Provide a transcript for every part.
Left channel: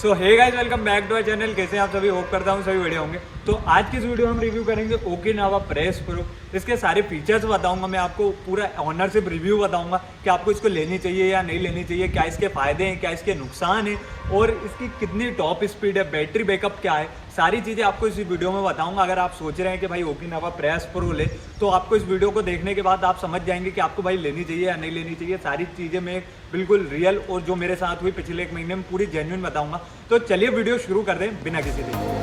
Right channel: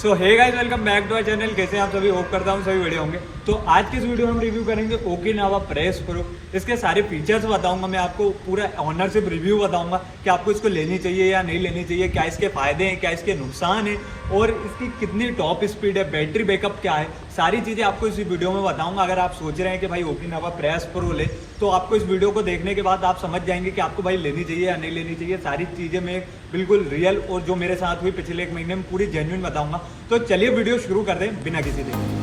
So hey guys, welcome back to our channel. कैसे आप सभी? होप करता हूँ सभी बढ़िया होंगे। तो आज की इस वीडियो में हम रिव्यू करेंगे ओकिनावा प्रेस प्रो। इसके सारे फीचर्स बताऊंगा, मैं आपको पूरा ऑनरशिप रिव्यू बताऊंगा कि आपको इसको लेनी चाहिए या नहीं लेनी चाहिए, क्या इसके फायदे हैं, क्या इसके नुकसान हैं और इसकी कितनी टॉप स्पीड है, बैटरी बैकअप क्या है, सारी चीज़ें आपको इस वीडियो में बताऊंगा। अगर आप सोच रहे हैं कि भाई ओकिनावा प्रेस प्रो ले, तो आपको इस वीडियो को देखने के बाद आप समझ जाएंगे कि आपको भाई लेनी चाहिए या नहीं लेनी चाहिए। सारी चीज़ें मैं बिल्कुल रियल और जो मेरे साथ हुई पिछले एक महीने में पूरी जेन्युइन बताऊंगा। तो चलिए वीडियो शुरू कर दें बिना किसी देरी।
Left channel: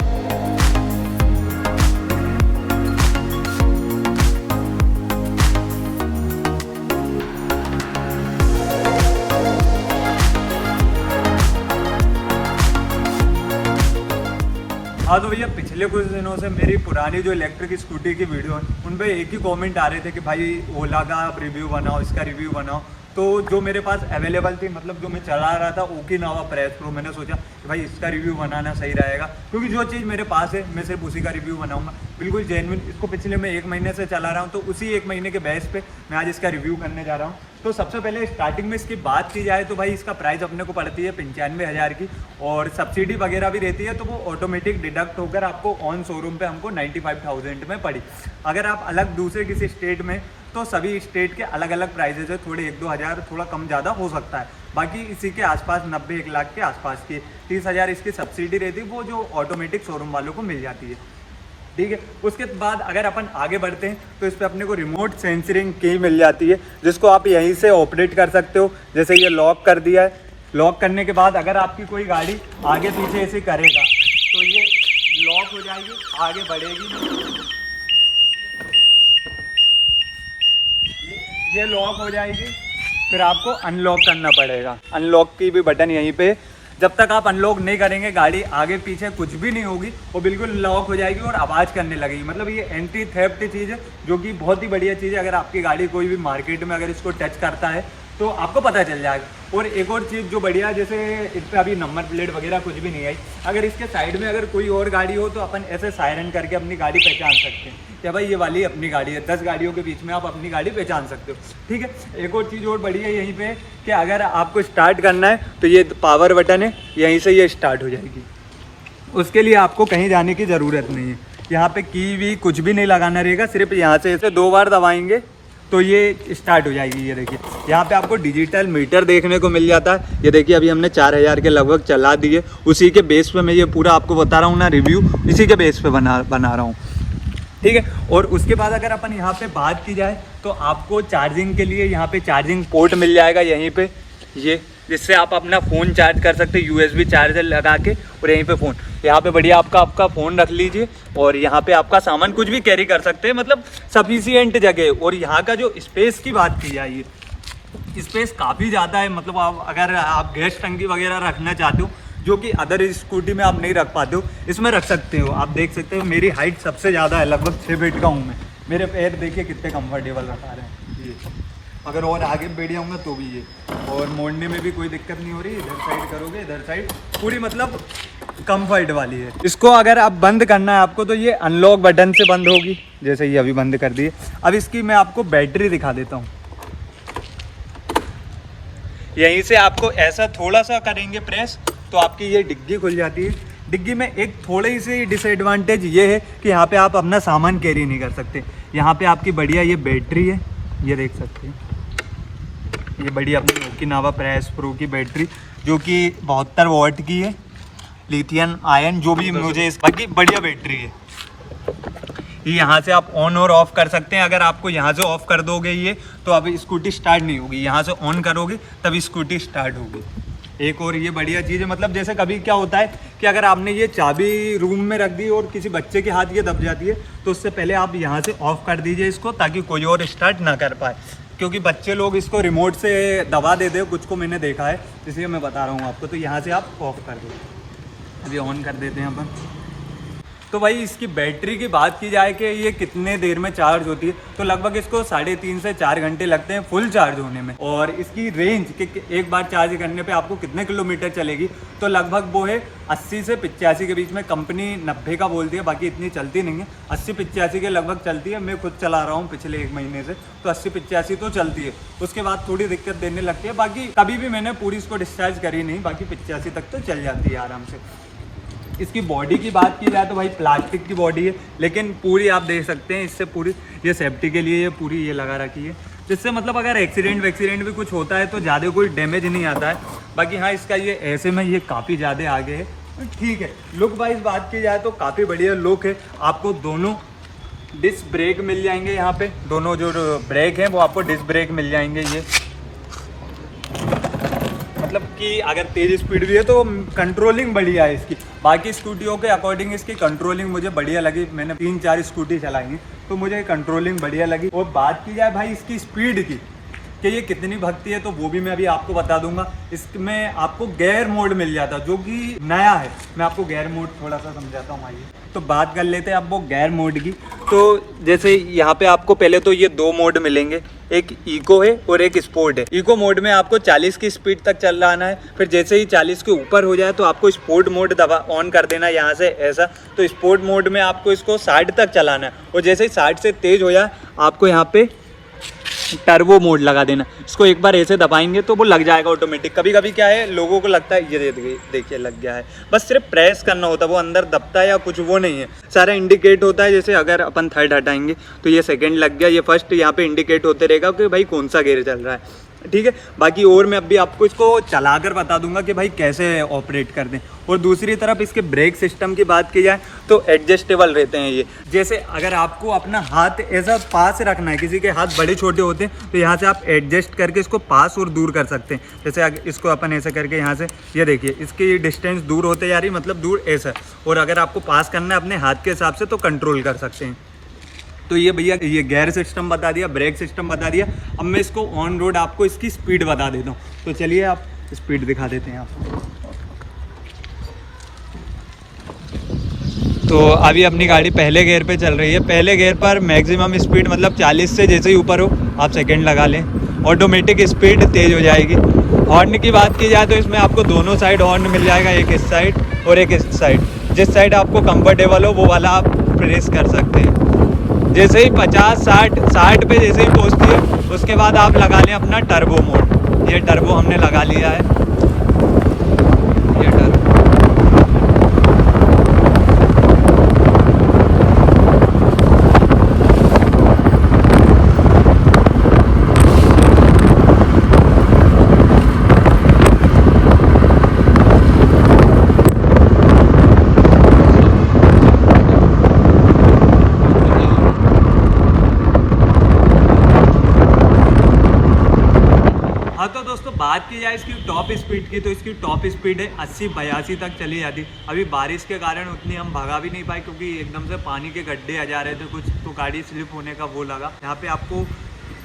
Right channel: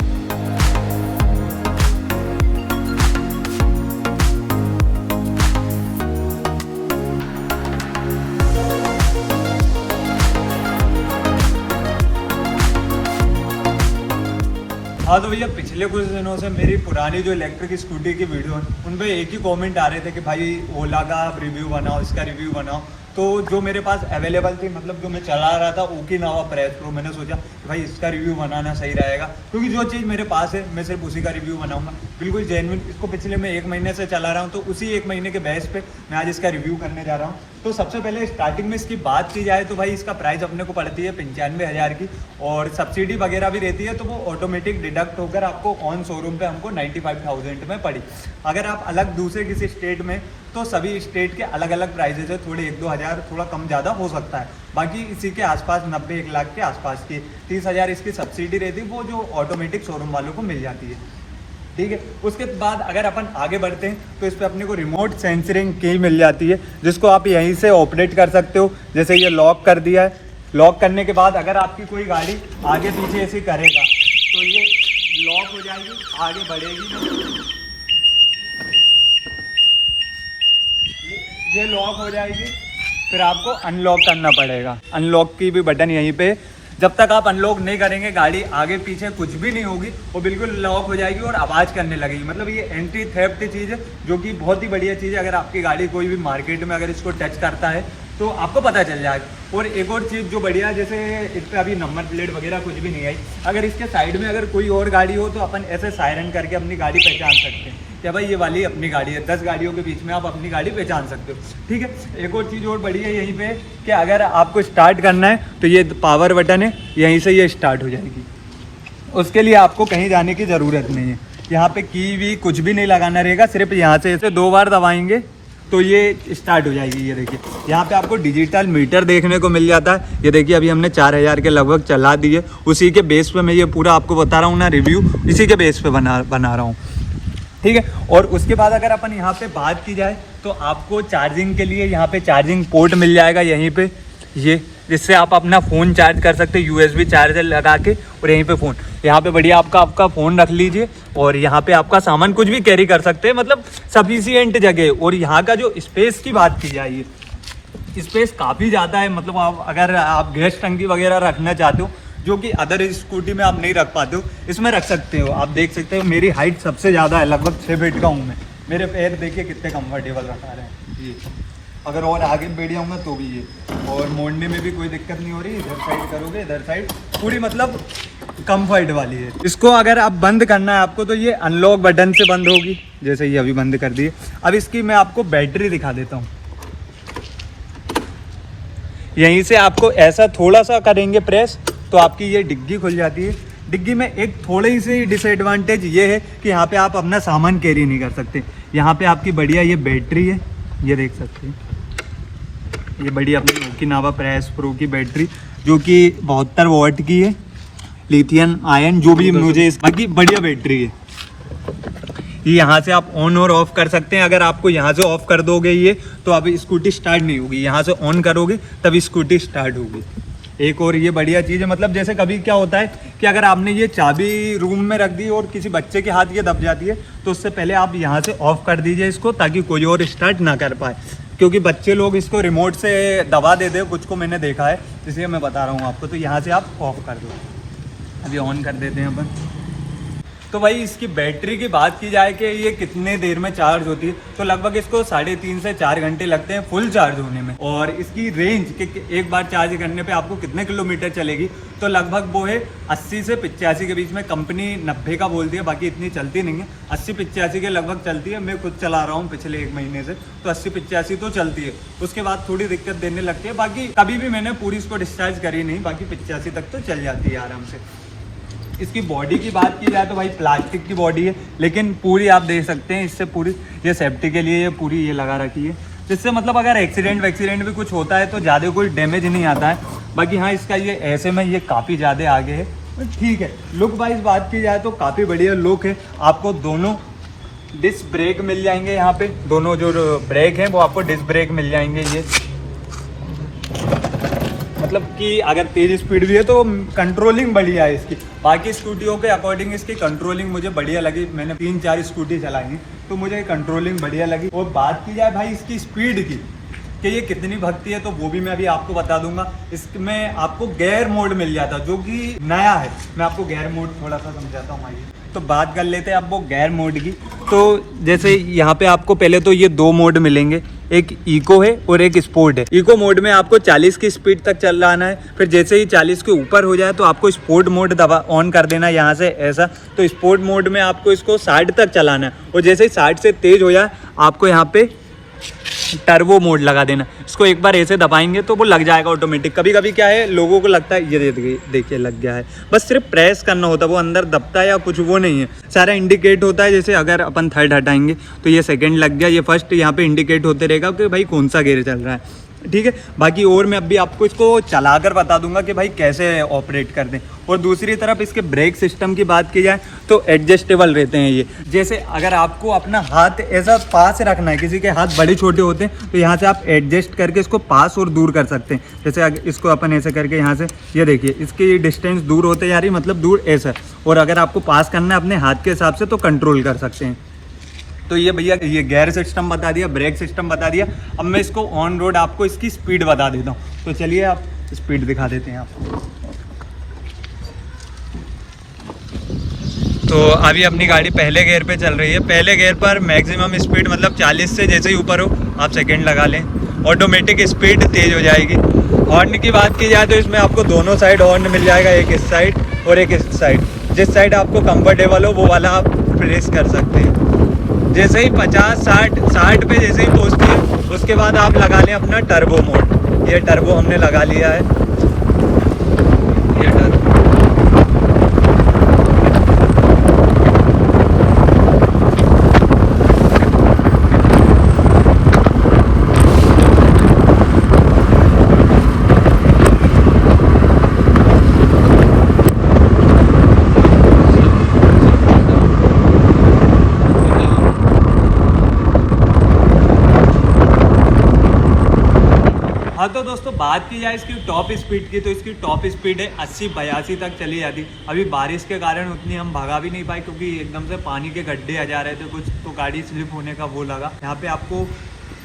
हाँ तो भैया, पिछले कुछ दिनों से मेरी पुरानी जो इलेक्ट्रिक स्कूटी की वीडियो है उन पे एक ही कमेंट आ रहे थे कि भाई ओला का आप रिव्यू बनाओ, इसका रिव्यू बनाओ। तो जो मेरे पास अवेलेबल थी, मतलब जो मैं चला रहा था ओकिनावा प्रेस प्रो, मैंने सोचा कि भाई इसका रिव्यू बनाना सही रहेगा, क्योंकि जो चीज़ मेरे पास है मैं सिर्फ उसी का रिव्यू बनाऊंगा, बिल्कुल जेन्युइन। इसको पिछले मैं एक महीने से चला रहा हूँ, तो उसी एक महीने के बेस पे मैं आज इसका रिव्यू करने जा रहा हूँ। तो सबसे पहले स्टार्टिंग में इसकी बात की जाए तो भाई इसका प्राइस अपने को पड़ती है 95,000 की, और सब्सिडी वगैरह भी रहती है, तो वो ऑटोमेटिक डिडक्ट होकर आपको ऑन शोरूम पे हमको 95,000 में पड़ी। अगर आप अलग दूसरे किसी स्टेट में, तो सभी स्टेट के अलग अलग प्राइजेज है, थोड़े 1-2 हज़ार थोड़ा कम ज़्यादा हो सकता है। बाकी इसी के आसपास 90-1 लाख के आसपास की 30,000 इसकी सब्सिडी रहती है, वो जो ऑटोमेटिक शोरूम वालों को मिल जाती है। ठीक है, उसके बाद अगर अपन आगे बढ़ते हैं तो इस पर अपने को रिमोट सेंसरिंग की मिल जाती है, जिसको आप यहीं से ऑपरेट कर सकते हो। जैसे ये लॉक कर दिया है, लॉक करने के बाद अगर आपकी कोई गाड़ी आगे पीछे ऐसे करेगा तो ये लॉक हो जाएगी, आगे बढ़ेगी नहीं, ये लॉक हो जाएगी। फिर आपको अनलॉक करना पड़ेगा, अनलॉक की भी बटन यहीं पे। जब तक आप अनलॉक नहीं करेंगे गाड़ी आगे पीछे कुछ भी नहीं होगी, वो बिल्कुल लॉक हो जाएगी और आवाज़ करने लगेगी। मतलब ये एंटी थेफ्ट चीज़ है, जो कि बहुत ही बढ़िया चीज़ है। अगर आपकी गाड़ी कोई भी मार्केट में अगर इसको टच करता है तो आपको पता चल जाएगा। और एक और चीज़ जो बढ़िया, जैसे इस पर अभी नंबर प्लेट वगैरह कुछ भी नहीं आई, अगर इसके साइड में अगर कोई और गाड़ी हो तो अपन ऐसे सायरन करके अपनी गाड़ी पहचान सकते हैं कि भाई ये वाली अपनी गाड़ी है। 10 गाड़ियों के बीच में आप अपनी गाड़ी पहचान सकते हो। ठीक है, एक और चीज़ और बढ़िया यहीं पे कि अगर आपको स्टार्ट करना है तो ये पावर बटन है, यहीं से ये स्टार्ट हो जाएगी। उसके लिए आपको कहीं जाने की ज़रूरत नहीं है। यहाँ पे की भी कुछ भी नहीं लगाना रहेगा, सिर्फ यहाँ से इसे 2 बार दबाएंगे तो ये स्टार्ट हो जाएगी। ये देखिए, यहाँ पे आपको डिजिटल मीटर देखने को मिल जाता है। ये देखिए, अभी हमने 4,000 के लगभग चला दिए। उसी के बेस पे मैं ये पूरा आपको बता रहा हूँ ना, रिव्यू इसी के बेस पे बना रहा हूँ। ठीक है, और उसके बाद अगर अपन यहाँ पे बात की जाए तो आपको चार्जिंग के लिए यहाँ पे चार्जिंग पोर्ट मिल जाएगा यहीं पे, ये जिससे आप अपना फ़ोन चार्ज कर सकते हैं, USB चार्जर लगा के। और यहीं पे फ़ोन, यहाँ पे बढ़िया आपका फ़ोन रख लीजिए, और यहाँ पे आपका सामान कुछ भी कैरी कर सकते हैं, मतलब सफिशिएंट जगह। और यहाँ का जो स्पेस की बात की जाए, स्पेस काफ़ी ज़्यादा है। मतलब आप अगर आप गैस टंकी वगैरह रखना चाहते हो, जो कि अदर स्कूटी में आप नहीं रख पाते हो, इसमें रख सकते हो। आप देख सकते हो मेरी हाइट सबसे ज़्यादा है, लगभग 6 फीट का हूँ मैं। मेरे पैर देखिए कितने कंफर्टेबल रखा रहे हैं ये। अगर और आगे बैठ जाऊँगा तो भी ये, और मोड़ने में भी कोई दिक्कत नहीं हो रही। इधर साइड करोगे, इधर साइड पूरी मतलब कंफर्ट वाली है। इसको अगर आप बंद करना है आपको, तो ये अनलॉक बटन से बंद होगी, जैसे ये अभी बंद कर दिए। अब इसकी मैं आपको बैटरी दिखा देता हूँ। यहीं से आपको ऐसा थोड़ा सा करेंगे प्रेस तो आपकी ये डिग्गी खुल जाती है। डिग्गी में एक थोड़ी सी डिसएडवांटेज ये है कि यहाँ पे आप अपना सामान कैरी नहीं कर सकते। यहाँ पे आपकी बढ़िया ये बैटरी है, ये देख सकते हैं, ये बढ़िया अपनी ओकिनावा प्रेस प्रो की बैटरी, जो कि 72 वॉट की है, लिथियम आयन, जो भी मुझे बाकी बढ़िया बैटरी है। ये यहाँ से आप ऑन और ऑफ कर सकते हैं। अगर आपको यहाँ से ऑफ कर दोगे ये, तो अभी स्कूटी स्टार्ट नहीं होगी। यहाँ से ऑन करोगे तभी स्कूटी स्टार्ट होगी। एक और ये बढ़िया चीज़ है, मतलब जैसे कभी क्या होता है कि अगर आपने ये चाबी रूम में रख दी और किसी बच्चे के हाथ ये दब जाती है, तो उससे पहले आप यहाँ से ऑफ कर दीजिए इसको, ताकि कोई और स्टार्ट ना कर पाए। क्योंकि बच्चे लोग इसको रिमोट से दबा देते हैं, कुछ को मैंने देखा है, इसलिए मैं बता रहा हूँ आपको। तो यहाँ से आप ऑफ कर दो। अभी ऑन कर देते हैं अपन। तो भाई इसकी बैटरी की बात की जाए कि ये कितने देर में चार्ज होती है, तो लगभग इसको 3.5 से 4 घंटे लगते हैं फुल चार्ज होने में। और इसकी रेंज कि एक बार चार्ज करने पे आपको कितने किलोमीटर चलेगी, तो लगभग वो है 80 से 85 के बीच में। कंपनी 90 का बोलती है, बाकी इतनी चलती नहीं है, 80-85 के लगभग चलती है। मैं खुद चला रहा हूँ पिछले 1 महीने से, तो 80-85 तो चलती है। उसके बाद थोड़ी दिक्कत देने लगती है, बाकी कभी भी मैंने पूरी इसको डिस्चार्ज करी नहीं, बाकी 85 तक तो चल जाती है आराम से। इसकी बॉडी की बात की जाए तो भाई प्लास्टिक की बॉडी है, लेकिन पूरी आप देख सकते हैं इससे पूरी ये सेफ्टी के लिए ये पूरी ये लगा रखी है, जिससे मतलब अगर एक्सीडेंट भी कुछ होता है तो ज़्यादा कोई डैमेज नहीं आता है। बाकी हाँ, इसका ये ऐसे में ये काफ़ी ज़्यादा आगे है, ठीक है। लुक वाइज बात की जाए तो काफ़ी बढ़िया लुक है। आपको दोनों डिस्क ब्रेक मिल जाएंगे, यहाँ पे दोनों जो ब्रेक हैं वो आपको डिस्क ब्रेक मिल जाएंगे। ये मतलब कि अगर तेज स्पीड भी है तो कंट्रोलिंग बढ़िया है इसकी। बाकी स्कूटियों के अकॉर्डिंग इसकी कंट्रोलिंग मुझे बढ़िया लगी। मैंने 3-4 स्कूटी चलाई तो मुझे कंट्रोलिंग बढ़िया लगी। और बात की जाए भाई इसकी स्पीड की कि ये कितनी भगती है, तो वो भी मैं अभी आपको बता दूंगा। इसमें आपको गेयर मोड मिल जाता जो कि नया है। मैं आपको गेयर मोड थोड़ा सा समझाता हूँ। आइए तो बात कर लेते हैं अब वो गेयर मोड की। तो जैसे यहाँ पे आपको पहले तो ये 2 मोड मिलेंगे, एक इको है और एक स्पोर्ट है। इको मोड में आपको 40 की स्पीड तक चलाना है, फिर जैसे ही 40 के ऊपर हो जाए तो आपको स्पोर्ट मोड दबा ऑन कर देना यहाँ से ऐसा। तो स्पोर्ट मोड में आपको इसको 60 तक चलाना है, और जैसे ही 60 से तेज हो जाए आपको यहाँ पे टर्बो मोड लगा देना। इसको एक बार ऐसे दबाएंगे तो वो लग जाएगा ऑटोमेटिक। कभी कभी क्या है, लोगों को लगता है ये देखिए लग गया है, बस सिर्फ प्रेस करना होता है, वो अंदर दबता है या कुछ वो नहीं है। सारा इंडिकेट होता है। जैसे अगर अपन थर्ड हटाएंगे तो ये सेकंड लग गया, ये फर्स्ट यहाँ पे इंडिकेट होते रहेगा कि भाई कौन सा गेयर चल रहा है, ठीक है। बाकी और मैं अभी आपको इसको चलाकर बता दूंगा कि भाई कैसे ऑपरेट कर दें। और दूसरी तरफ इसके ब्रेक सिस्टम की बात की जाए तो एडजस्टेबल रहते हैं ये। जैसे अगर आपको अपना हाथ ऐसा पास रखना है, किसी के हाथ बड़े छोटे होते हैं तो यहाँ से आप एडजस्ट करके इसको पास और दूर कर सकते हैं। जैसे अगर इसको अपन ऐसे करके यहाँ से ये देखिए इसकी डिस्टेंस दूर होते जा रही, मतलब दूर ऐसा। और अगर आपको पास करना है अपने हाथ के हिसाब से तो कंट्रोल कर सकते हैं। तो ये भैया ये गियर सिस्टम बता दिया, ब्रेक सिस्टम बता दिया। अब मैं इसको ऑन रोड आपको इसकी स्पीड बता देता हूँ। तो चलिए आप स्पीड दिखा देते हैं आपको। तो अभी अपनी गाड़ी पहले गियर पे चल रही है। पहले गियर पर मैक्सिमम स्पीड मतलब 40 से जैसे ही ऊपर हो आप सेकंड लगा लें, ऑटोमेटिक स्पीड तेज़ हो जाएगी। हॉर्न की बात की जाए तो इसमें आपको दोनों साइड हॉर्न मिल जाएगा, एक इस साइड और एक इस साइड। जिस साइड आपको कंफर्टेबल हो वो वाला आप प्रेस कर सकते हैं। जैसे ही 50-60 पे जैसे ही पहुँचती है उसके बाद आप लगा लें अपना टर्बो मोड। ये टर्बो हमने लगा लिया है। तो दोस्तों बात की जाए इसकी टॉप स्पीड की, तो इसकी टॉप स्पीड है 80-82 तक चली जाती। अभी बारिश के कारण उतनी हम भगा भी नहीं पाए क्योंकि एकदम से पानी के गड्ढे आ जा रहे थे कुछ, तो गाड़ी स्लिप होने का वो लगा। यहाँ पे आपको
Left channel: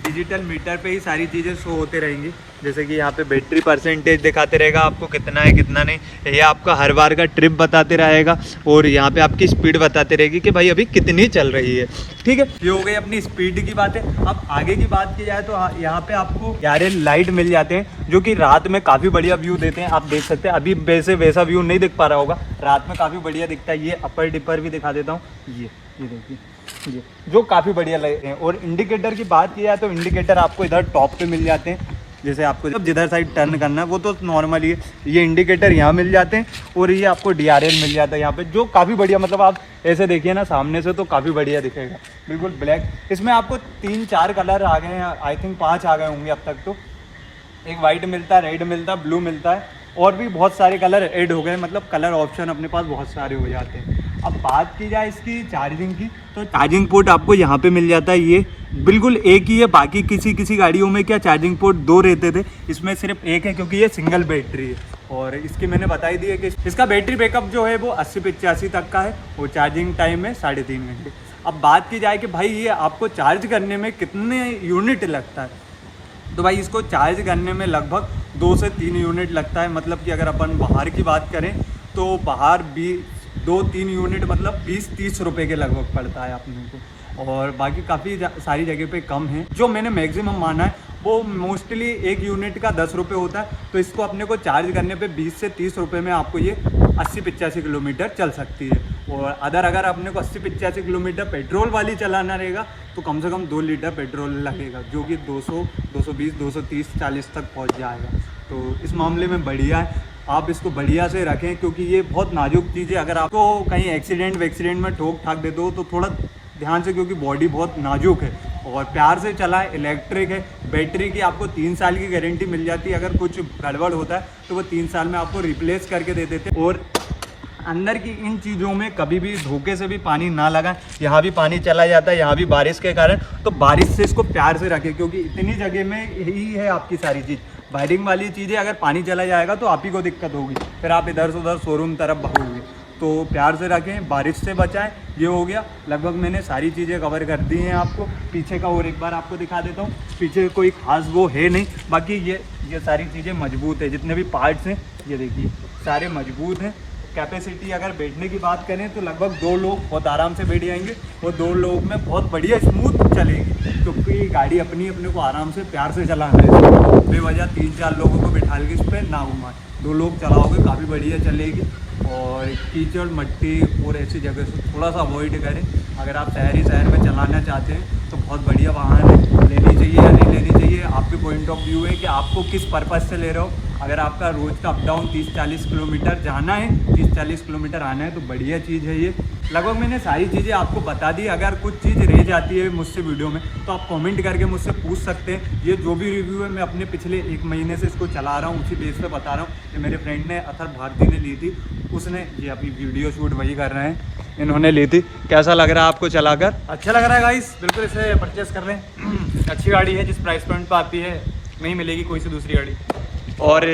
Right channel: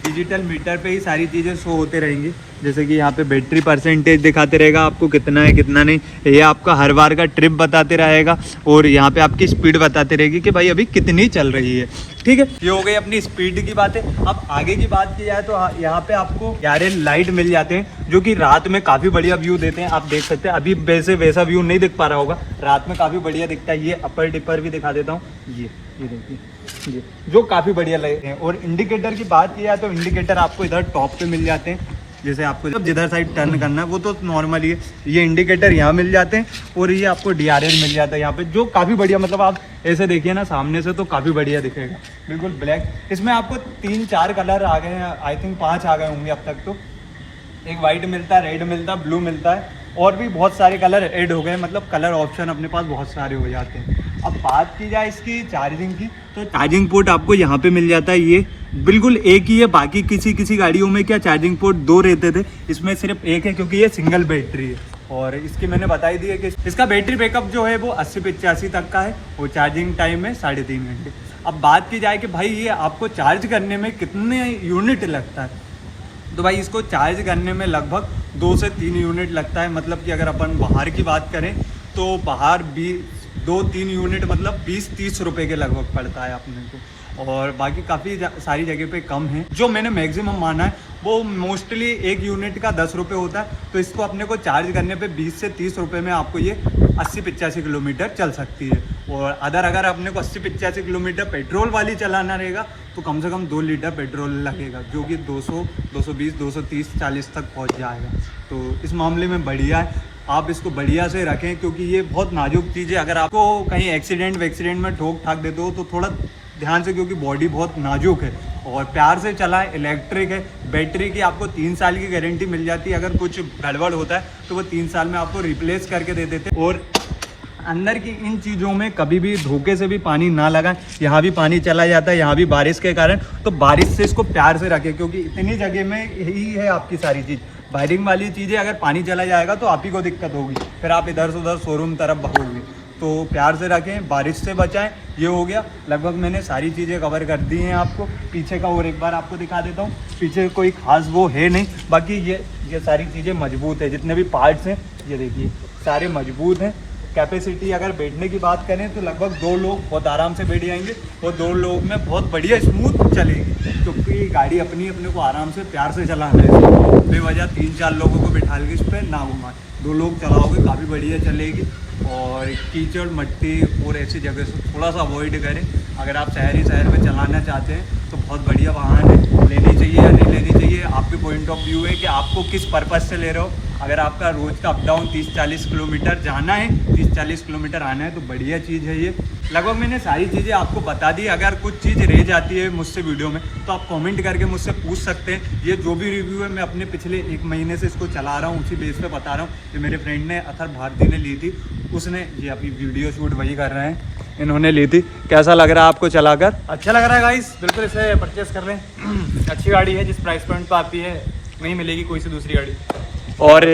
डिजिटल मीटर पे ही सारी चीज़ें शो होते रहेंगी। जैसे कि यहाँ पे बैटरी परसेंटेज दिखाते रहेगा आपको कितना है कितना नहीं, ये आपका हर बार का ट्रिप बताते रहेगा। और यहाँ पे आपकी स्पीड बताते रहेगी कि भाई अभी कितनी चल रही है, ठीक है। ये हो गई अपनी स्पीड की बात है। अब आगे की बात की जाए तो यहाँ पे आपको यारे लाइट मिल जाते हैं जो कि रात में काफ़ी बढ़िया व्यू देते हैं। आप देख सकते हैं अभी वैसा व्यू नहीं दिख पा रहा होगा, रात में काफ़ी बढ़िया दिखता है। ये अपर डिपर भी दिखा देता हूँ, ये देखिए ये जो काफ़ी बढ़िया लगते हैं। और इंडिकेटर की बात की जाए तो इंडिकेटर आपको इधर टॉप पे मिल जाते हैं। जैसे आपको जब जिधर साइड टर्न करना है वो तो नॉर्मली है, ये इंडिकेटर यहाँ मिल जाते हैं। और ये आपको DRL मिल जाता है यहाँ पे, जो काफ़ी बढ़िया, मतलब आप ऐसे देखिए ना सामने से तो काफ़ी बढ़िया दिखेगा, बिल्कुल ब्लैक। इसमें आपको 3-4 कलर आ गए हैं, आई थिंक 5 आ गए होंगे अब तक। तो एक वाइट मिलता है, रेड मिलता है, ब्लू मिलता है, और भी बहुत सारे कलर ऐड हो गए, मतलब कलर ऑप्शन अपने पास बहुत सारे हो जाते हैं। अब बात की जाए इसकी चार्जिंग की, तो चार्जिंग पोर्ट आपको यहाँ पे मिल जाता है। ये बिल्कुल एक ही है, बाकी किसी गाड़ियों में क्या चार्जिंग पोर्ट 2 रहते थे, इसमें सिर्फ एक है क्योंकि ये सिंगल बैटरी है। और इसकी मैंने बताई दी है कि इसका बैटरी बैकअप जो है वो 80-85 तक का है, और चार्जिंग टाइम है 3.5 घंटे। अब बात की जाए कि भाई ये आपको चार्ज करने में कितने यूनिट लगता है, तो भाई इसको चार्ज करने में लगभग 2 से 3 यूनिट लगता है। मतलब कि अगर अपन बाहर की बात करें तो बाहर भी 2-3 यूनिट मतलब 20-30 रुपए के लगभग पड़ता है अपने को। और बाकी काफ़ी सारी जगह पे कम है। जो मैंने मैक्सिमम माना है वो मोस्टली 1 यूनिट का 10 रुपये होता है, तो इसको अपने को चार्ज करने पे 20 से 30 रुपये में आपको ये 80-85 किलोमीटर चल सकती है। और अगर अपने को 80-85 किलोमीटर पेट्रोल वाली चलाना रहेगा तो कम से कम 2 लीटर पेट्रोल लगेगा, जो कि 200, 220, 230, 40 तक पहुंच जाएगा। तो इस मामले में बढ़िया है, आप इसको बढ़िया से रखें क्योंकि ये बहुत नाजुक चीज़ है। अगर आपको कहीं एक्सीडेंट में ठोक ठाक दे दो तो थोड़ा ध्यान से, क्योंकि बॉडी बहुत नाजुक है। और प्यार से चलाएं, इलेक्ट्रिक है, बैटरी की आपको 3 साल की गारंटी मिल जाती है। अगर कुछ गड़बड़ होता है तो वो 3 साल में आपको रिप्लेस करके दे देते हैं। और अंदर की इन चीज़ों में कभी भी धोखे से भी पानी ना लगाएं। यहाँ भी पानी चला जाता है, यहाँ भी बारिश के कारण, तो बारिश से इसको प्यार से रखें क्योंकि इतनी जगह में यही है आपकी सारी चीज़। बाइडिंग वाली चीज़ें अगर पानी चला जाएगा तो आप ही को दिक्कत होगी, फिर आप इधर से उधर शोरूम तरफ भागोगे। तो प्यार से रखें, बारिश से बचाएं। ये हो गया, लगभग मैंने सारी चीज़ें कवर कर दी हैं आपको। पीछे का और एक बार आपको दिखा देता हूँ। पीछे कोई खास वो है नहीं, बाकी ये सारी चीज़ें मजबूत है। जितने भी पार्ट्स हैं ये देखिए सारे मजबूत हैं। कैपेसिटी अगर बैठने की बात करें तो लगभग 2 लोग बहुत आराम से बैठ जाएंगे। वो 2 लोग में बहुत बढ़िया स्मूथ चलेगी, क्योंकि गाड़ी अपने को आराम से प्यार से चलाना है। बेवजह 3-4 लोगों को बिठा के इस पर ना घुमाएं। 2 लोग चलाओगे काफ़ी बढ़िया चलेगी। और कीचड़ मट्टी और ऐसी जगह से थोड़ा सा अवॉइड करें। अगर आप शहर में चलाना चाहते हैं तो बहुत बढ़िया वाहन है, लेनी चाहिए या नहीं लेनी चाहिए आपके पॉइंट ऑफ व्यू है कि आपको किस पर्पज़ से ले रहे हो। अगर आपका रोज़ का अप डाउन 30-40 किलोमीटर जाना है, 30-40 किलोमीटर आना है तो बढ़िया चीज़ है ये। लगभग मैंने सारी चीज़ें आपको बता दी। अगर कुछ चीज़ रह जाती है मुझसे वीडियो में तो आप कमेंट करके मुझसे पूछ सकते हैं। ये जो भी रिव्यू है मैं अपने पिछले 1 महीने से इसको चला रहा हूँ, उसी बेस पे बता रहा हूँ। कि मेरे फ्रेंड ने अथर भारती ने ली थी, उसने ये अभी वीडियो शूट वही कर रहे हैं, इन्होंने ली थी। कैसा लग रहा है आपको चलाकर? अच्छा लग रहा है गाइस, बिल्कुल इसे परचेस कर लें। अच्छी गाड़ी है, जिस प्राइस पॉइंट पर आती है नहीं मिलेगी कोई सी दूसरी गाड़ी। और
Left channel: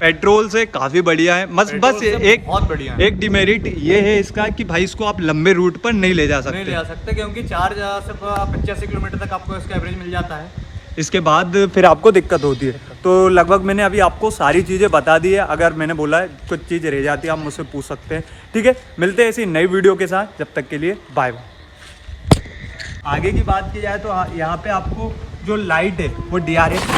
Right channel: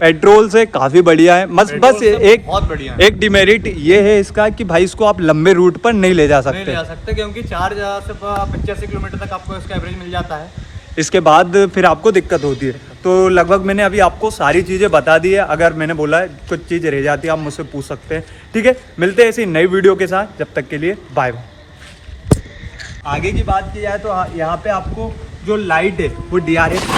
पेट्रोल से काफ़ी बढ़िया है। बस एक बहुत बढ़िया एक डिमेरिट ये है इसका कि भाई इसको आप लंबे रूट पर नहीं ले जा सकते। क्योंकि 4 से 85 किलोमीटर तक आपको इसका एवरेज मिल जाता है। इसके बाद फिर आपको दिक्कत होती है। तो लगभग मैंने अभी आपको सारी चीज़ें बता दी है। अगर मैंने बोला है कुछ चीज़ रह जाती है आप मुझसे पूछ सकते हैं, ठीक है। मिलते हैं ऐसी नई वीडियो के साथ, जब तक के लिए बाय बाय। आगे की बात की जाए तो यहाँ पे आपको जो लाइट है वो DRX